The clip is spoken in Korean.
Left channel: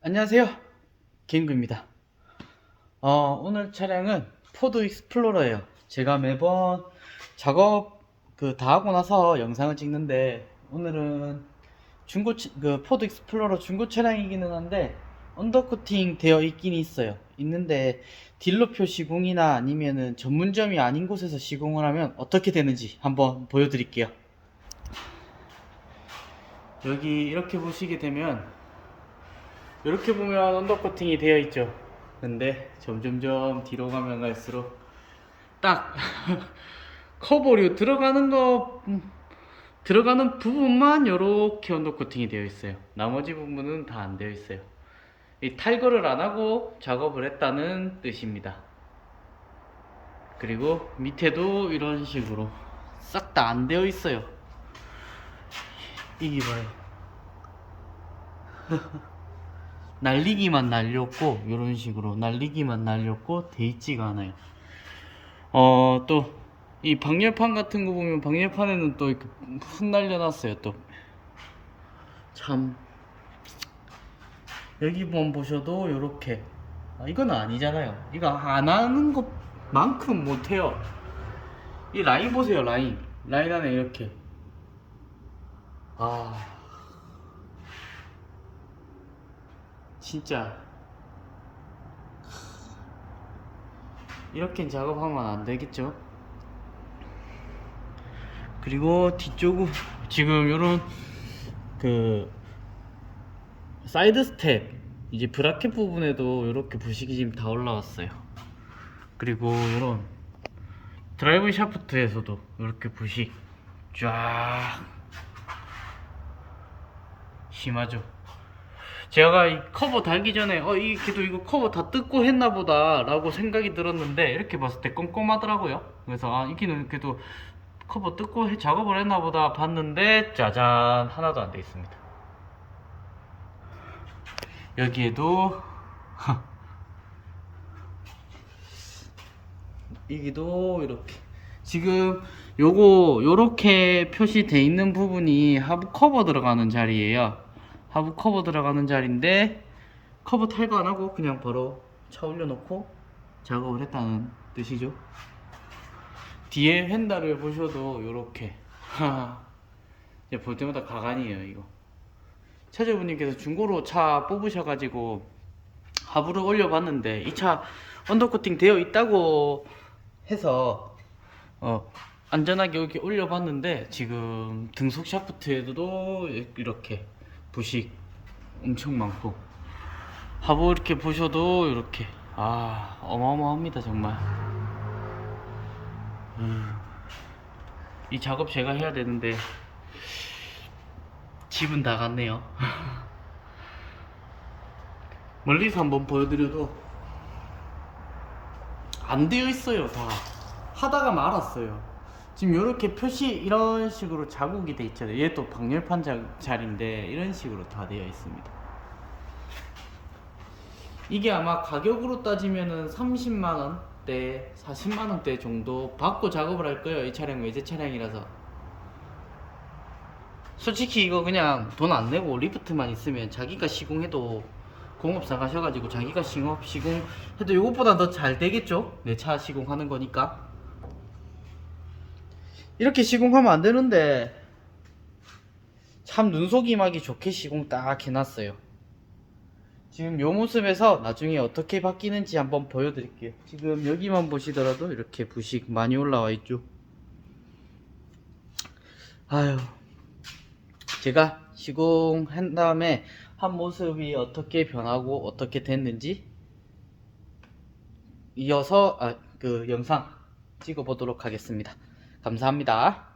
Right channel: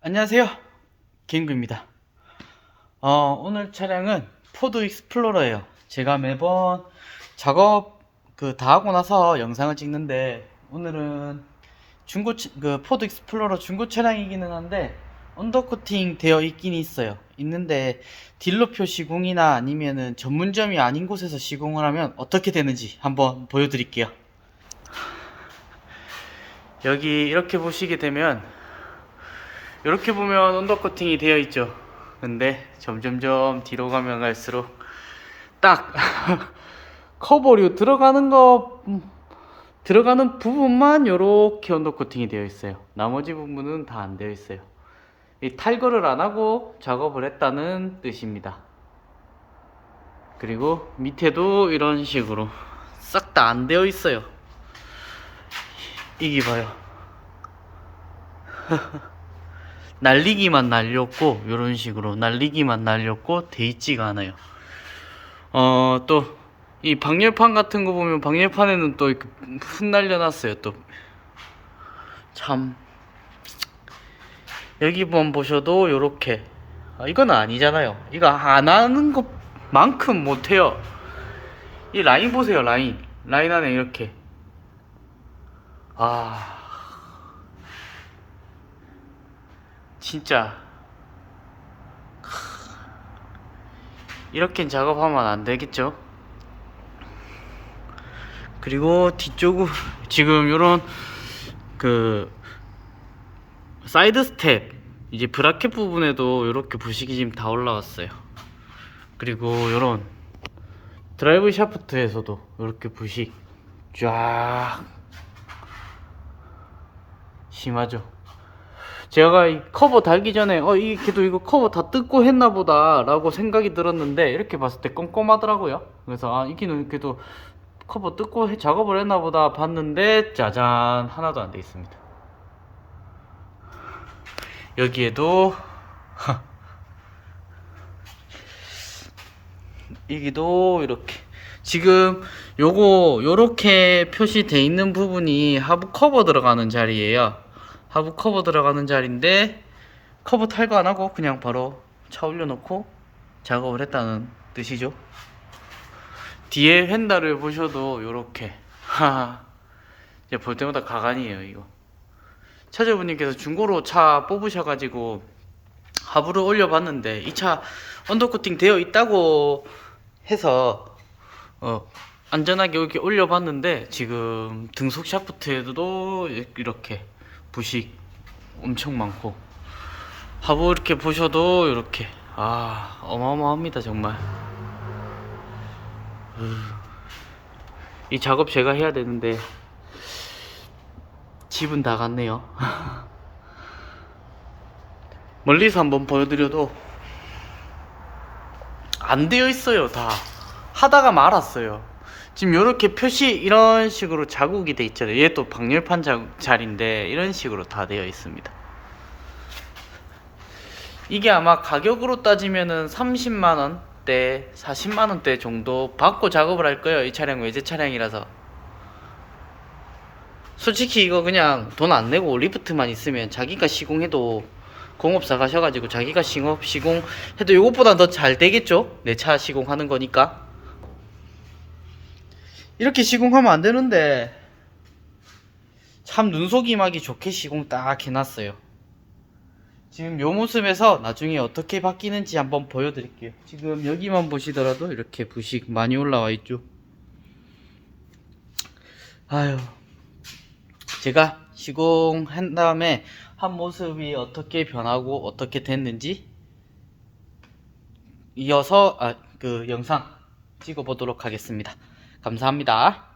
안녕하세요. 김구입니다. 어, 오늘 차량은 포드 익스플로러예요. 제가 매번 작업 그 다 하고 나서 영상을 찍는데 오늘은 중고 차- 그 포드 익스플로러 중고 차량이기는 한데 언더코팅 되어 있긴 있어요. 있는데 딜러표 시공이나 아니면은 전문점이 아닌 곳에서 시공을 하면 어떻게 되는지 한번 보여드릴게요. 여기 이렇게 보시게 되면 이렇게 보면 언더커팅이 되어 있죠. 근데 점점점 뒤로 가면 갈수록 딱 커버류 들어가는 거 음, 들어가는 부분만 이렇게 언더코팅이 되어 있어요. 나머지 부분은 다 안 되어 있어요. 이 탈거를 안 하고 작업을 했다는 뜻입니다. 그리고 밑에도 이런 식으로 싹 다 안 되어 있어요. 이기 봐요. 날리기만 날렸고 이런 식으로 날리기만 날렸고 돼 있지가 않아요. 어 또 이 방열판 같은 거 보면 방열판에는 또 이렇게 흩날려 놨어요. 또 참 여기만 보셔도 요렇게 아, 이건 아니잖아요. 이거 안 하는 것만큼 못해요. 이 라인 보세요 라인 라인 안에 이렇게 아 진짜. 이렇게 작업하면 안 되겠죠? 그리고 뒤쪽은 지금 요런 그 사이드 스텝 이제 브라켓 부분에도 이렇게 부식이 지금 다 올라왔어요. 그리고 요런 드라이브 샤프트에서도 이렇게 부식 쫙 심하죠 제가 이 커버 달기 전에 어 이 걔도 이거 커버 다 뜯고 했나 보다 라고 생각이 들었는데 이렇게 봤을 때 꼼꼼하더라고요. 그래서 아 이기는 그래도 커버 뜯고 해- 작업을 했나 보다 봤는데 짜잔 하나도 안 돼 있습니다. 여기에도 여기도 이렇게. 지금 요거 요렇게 표시돼 있는 부분이 하부 커버 들어가는 자리예요 하부 커버 들어가는 자리인데 커버 탈거 안 하고 그냥 바로 차 올려놓고 작업을 했다는 뜻이죠. 뒤에 휀다를 보셔도 요렇게 하 이제 볼 때마다 가관이에요 이거. 차주분님께서 중고로 차 뽑으셔가지고 하부를 올려봤는데 이 차 언더코팅 되어 있다고 해서 어 안전하게 이렇게 올려봤는데 지금 등속 샤프트에도 이렇게 부식 엄청 많고. 하부 이렇게 보셔도 이렇게 아 어마어마합니다 정말. 음, 이 작업 제가 해야 되는데 집은 다 갔네요. 멀리서 한번 보여드려도 안 되어 있어요 다. 하다가 말았어요 지금 이렇게 표시 이런 식으로 자국이 돼 있잖아요. 얘 또 방열판 자국 자리인데 이런 식으로 다 되어 있습니다. 이게 아마 가격으로 따지면은 30만원 대 40만원 대 정도 받고 작업을 할 거예요. 이 차량 외제 차량이라서. 솔직히 이거 그냥 돈 안 내고 리프트만 있으면 자기가 시공해도 공업사 가셔가지고 자기가 시공, 시공해도 이것보다 더 잘 되겠죠? 내 차 시공하는 거니까 이렇게 시공하면 안 되는데 참 눈속임하기 좋게 시공 딱 해놨어요. 지금 요 모습에서 나중에 어떻게 바뀌는지 한번 보여드릴게요. 지금 여기만 보시더라도 이렇게 부식 많이 올라와 있죠? 아유 제가 시공한 다음에 한 모습이 어떻게 변하고 어떻게 됐는지 이어서 아, 그 영상 찍어 보도록 하겠습니다. 감사합니다.